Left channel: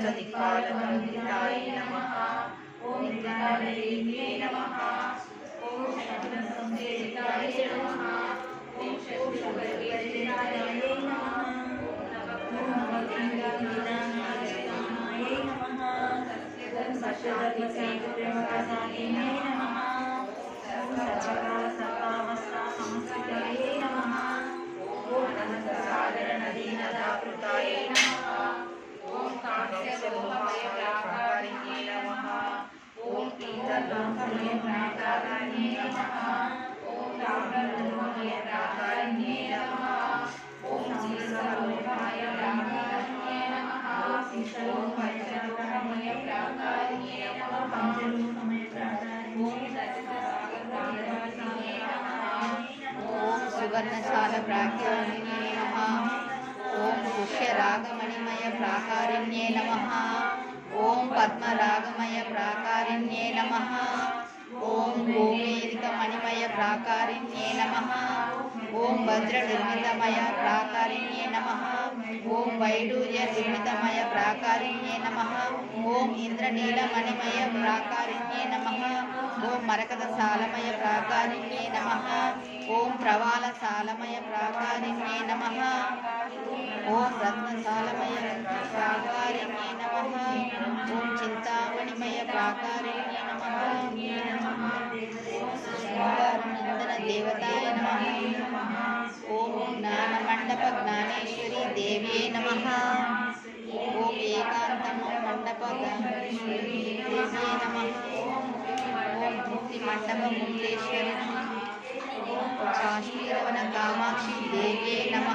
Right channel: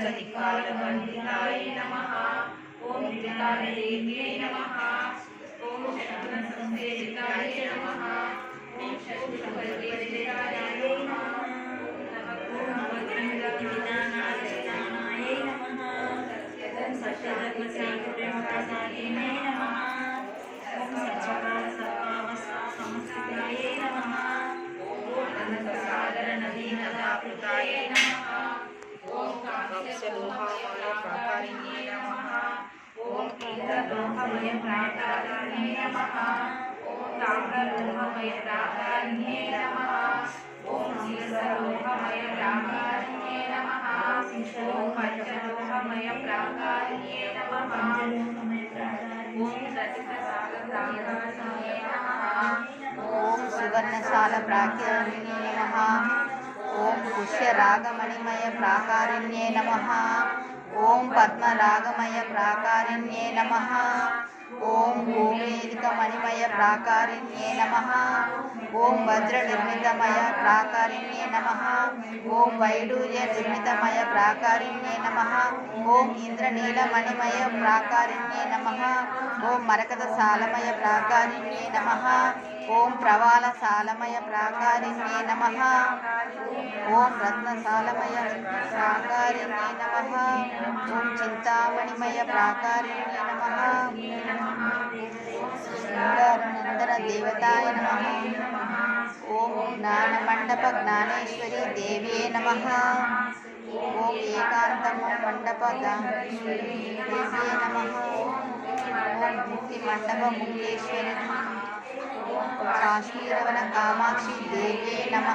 సమస్తదిక్పాలకండితాయ నమః. ఓం త్రికాలదేవ్యై నమః. ఓం శక్తిసంసేవితాయ నమః. ఓం శక్తిపరివేదితాయ నమః. ఓం నవగ్రహవిధానాయ నమః. ఓం సత్యవతిశ్రీప్రసాదినే నమః. ఓం సత్యకాలసర్వావస్థాసంస్థితయే నమః. ఓం అనంతసాగర నదీనదాకృతాయ నమః. ప్రాకారిణ్యే నమః ఓం తామ్రలోహమయ ప్రాకారిణ్యే నమః ఓం సీసలోహమయ ప్రాకారిణ్యే నమః ఓం పంచలోహమయ ప్రాకారిణ్యే నమః ఓం సచితసాగరాకారిణ్యే నమః ఓం సువర్ణశాల ప్రాకారిణ్యే నమ ఓం పుష్యరాగమణిమయ ప్రాకారిణ్యే నమ ఓం పద్మరాగమయ ప్రాకారిణ్యే నమ ఓం భూమేరిక ప్రాకారిణ్యే నమ. ఓం వజ్రనిర్మితమయ ప్రాకారిణ్యే నమ. ఓం వైడూర్య నిర్మితమయ ప్రాకారిణ్యే నమ. ఓం ఇంద్రనీలమణిమయ ప్రాకారిణ్యే నమ. ఓం మరకత సాలమయ ప్రాకారిణ్యే నమ. ఓం ప్రవాల సాలమయ ప్రాకారిణ్యే నమ. ఓం రత్నసాలమయ ప్రాకారిణ్యే నమ. ఓం చింతామణిమయ ప్రాకారిణ్యే నమ. నందన దేవతాయ నమ. ఓం జ్ఞానమండప జ్ఞానేశ్వరి దేవ్యే నమ. ఓం ఏకాంతము మండప దేవ్యే నమ. ఓం ముక్తి మండప ముక్తేశ్వరి నమ. కాశీరవణ కామాక్షి దేవే నమ.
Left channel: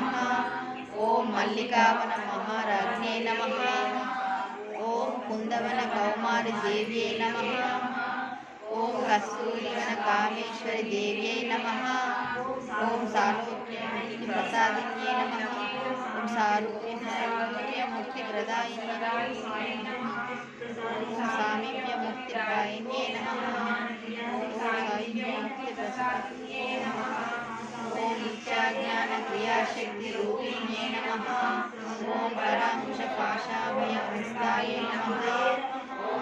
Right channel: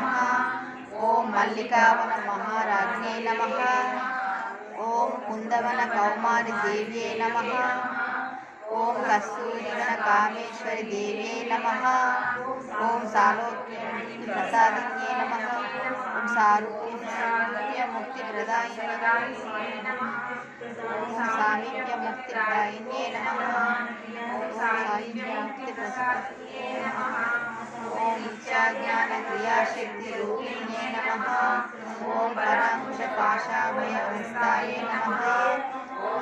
ఓం మల్లికావన మహారాజ్ఞే నమ. ఓం కుందవన కౌమారి దేవ్యే నమ. ఓం కస్తూరివన కామేశ్వరి దేవ్యే నమ. ఓం సాలోక్య ప్రసాదిన్యే నమ. ఓం సారూప్య ముక్తి ప్రదాయిన్యే ఓం సాయుజ్య ముక్తి ప్రసాదిన్యే నమ ఓం ఇచ్చాజ్ఞాన క్రియాశక్తి రూపిణ్యే నమ ఓం పరాంకుశ పాశాభయ హస్తాయ నమ ఓం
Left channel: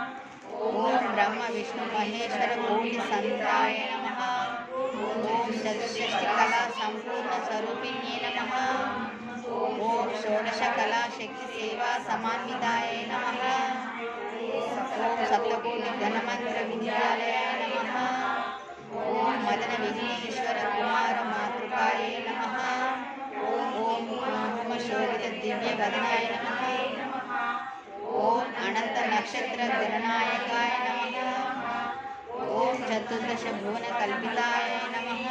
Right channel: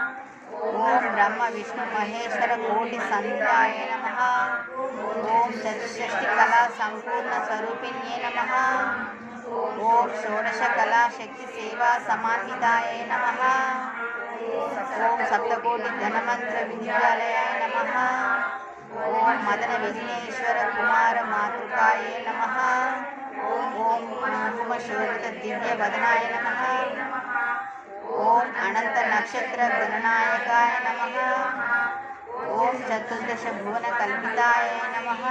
ఓం బ్రహ్మ విష్ణు మహేశ్వర కోటి సంతాయ నమ. ఓం షష్ఠి కళా సంపూర్ణ స్వరూపిణ్యే నమ. ఓం షోడశ కళా శక్తి సేవా సమాన్వితాయ నమ. ఓం సప్తకోటి ధనమంత్ర విద్యాలయాయ నమ. ఓం మదన విఘ్నేశ్వర కుమార మాతృకాయ నమ. ఓం కుంకుమ శోభిత దివ్య వదనాయ నమ. ఓం అనంత నక్షత్ర గణనాయకాయ నమ ఓం చతుర్దశ భువన కల్పితాయ నమ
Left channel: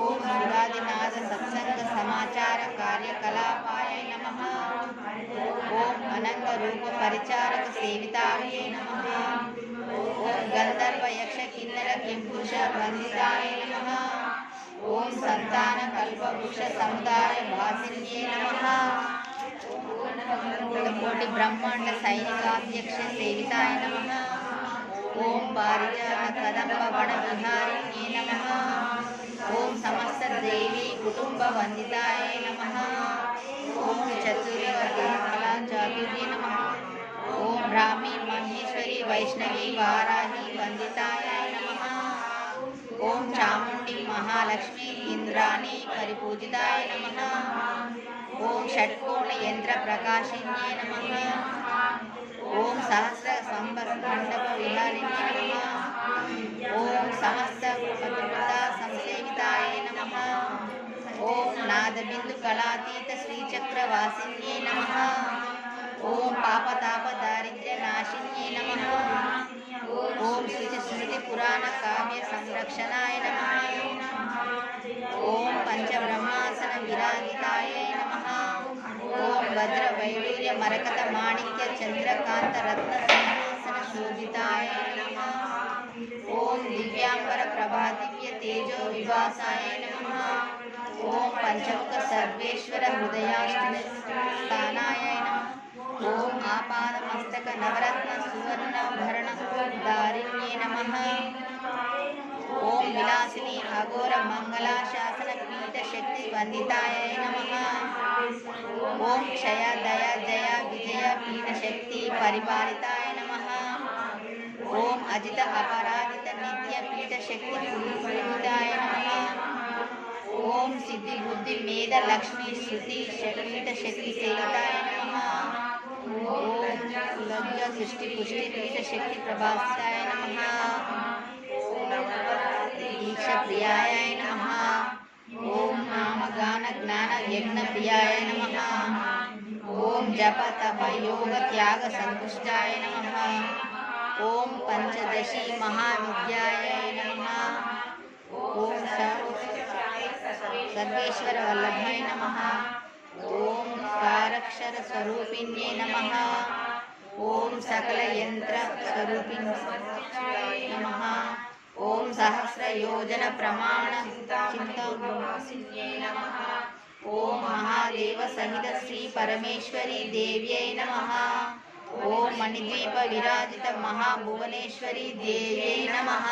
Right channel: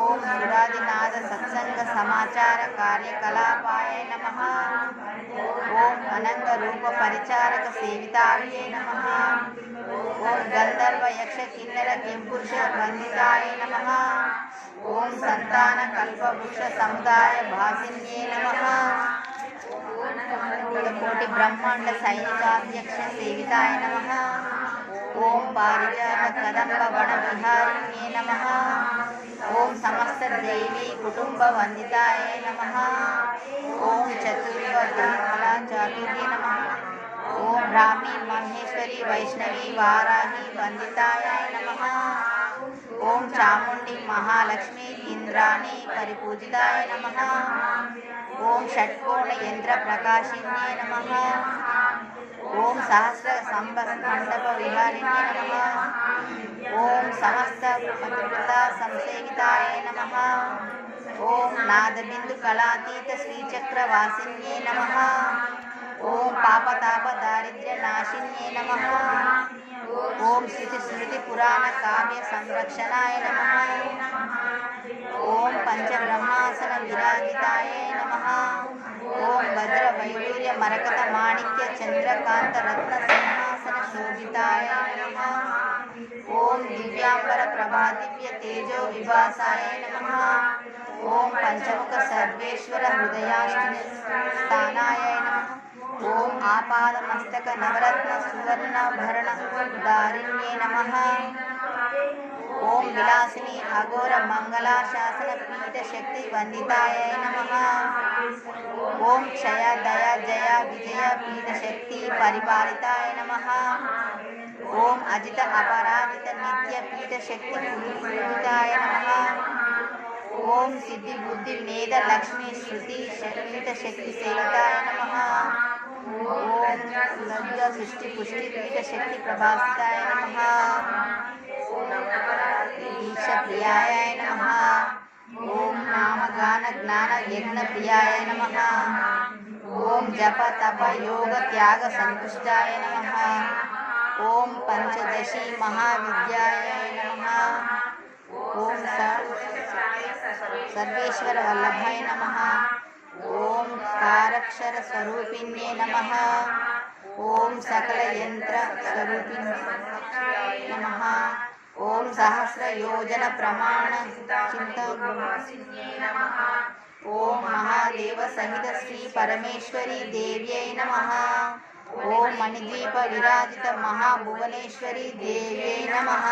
ఓం సురాదినాథ సత్సంగ సమాచార కార్యకలాపాయ నమ ఓం అనంగ రూప పరిచారక సేవితాయ నమ ఓం గంధర్వ యక్ష కిన్నెర కింపురుష వందితాయ నమ ఓం సంతాన కల్పవృక్ష సముదాయ భాసిన్యే నమ కోటి బ్రహ్మాండ సైనికాధ్యక్ష సేవితాయ నమ ఓం పారిజాత కదంబ వన విహారిణ్యే నమ. ఓం సమస్త దేవీ కుటుంబ వందితాయ నమ. ఓం చతుర్వదేవలా చాతుర్య నమ. ఓం బ్రాహ్మీ మహేశ్వరి వైష్ణవి వారాహి వందితాయ నమ. ఓం చాముండి మహాలక్ష్మి ఇంద్రాణి పరిపూజితాయ నమ. ఓం షట్కోణ యంత్ర ప్రకాశిన్యే నమ. ఓం సహస్ర సంబర మండప విహారిణ్యే నమ. ఓం సమస్త పతివృత సంసేవితాయ నమ. ఓం నాదబిందు కళాతీత శ్రీచక్రవాసిన్యే నమ. ఓం పాపతాప దారిద్ర్య నాశిన్యే నమ. ఓం శృతి స్మృతి పురాణ కావ్య సంరక్షణాయ నమ. ఓం పంచబ్రహ్మాసన విరాజితాయ నమ. ఓం భద్ర వైడూర్య మరకత మాణిక్య చంద్రకాంత రత్న సింహాసన శోభితాయ నమ. ఓం దివ్యాంబర ప్రభా దివ్య తేజో విభాసాయ నమ. ఓం పంచముఖ సర్వేశ్వర హృదయాష్ట స్థానాయ నమ. ఓం ఆపాద మస్తక నవరత్న సువర్ణ భరణ దారిణ్యే నమ. ఓం విలాసిని అఘోర మంగళాశాసన పీఠ శక్తి వందితాయ నమ. ఓం క్షయ దయ జయ విజయ పీఠ శక్తి పరిపాలితాయ నమ. ఓం అజిత అపరాజిత నిత్య పీఠ శక్తి పూజితాయ నమ. ఓం సిద్ధి బుద్ధి మేధ లక్ష్మి శృతి పీఠ శక్తి సేవితాయ నమ. ఓం లజ్జ సృష్టి పుష్టి పీఠ శక్తి ప్రభాసితాయ నమ. దీక్ష ప్రియాయ నమ. ఓం నామగాన జ్ఞాన యజ్ఞ ప్రియాయ నమ. ఓం జప తప యోగ త్యాగ సంతుష్టాయ నమ. ఓం పంచదశి మహావిద్యాయ నమ ఓం స- సర్వేశ్వర వల్లభాయ నమ ఓం సారక్షర స్వరూపిణ్యే నమ ఓం సకల యంత్ర స్వరూపిణ్యే నమ ఓం సహస్ర ॐ मणिद्वीपविराजितमहाभुवनेश्वरी देव्यै नमः।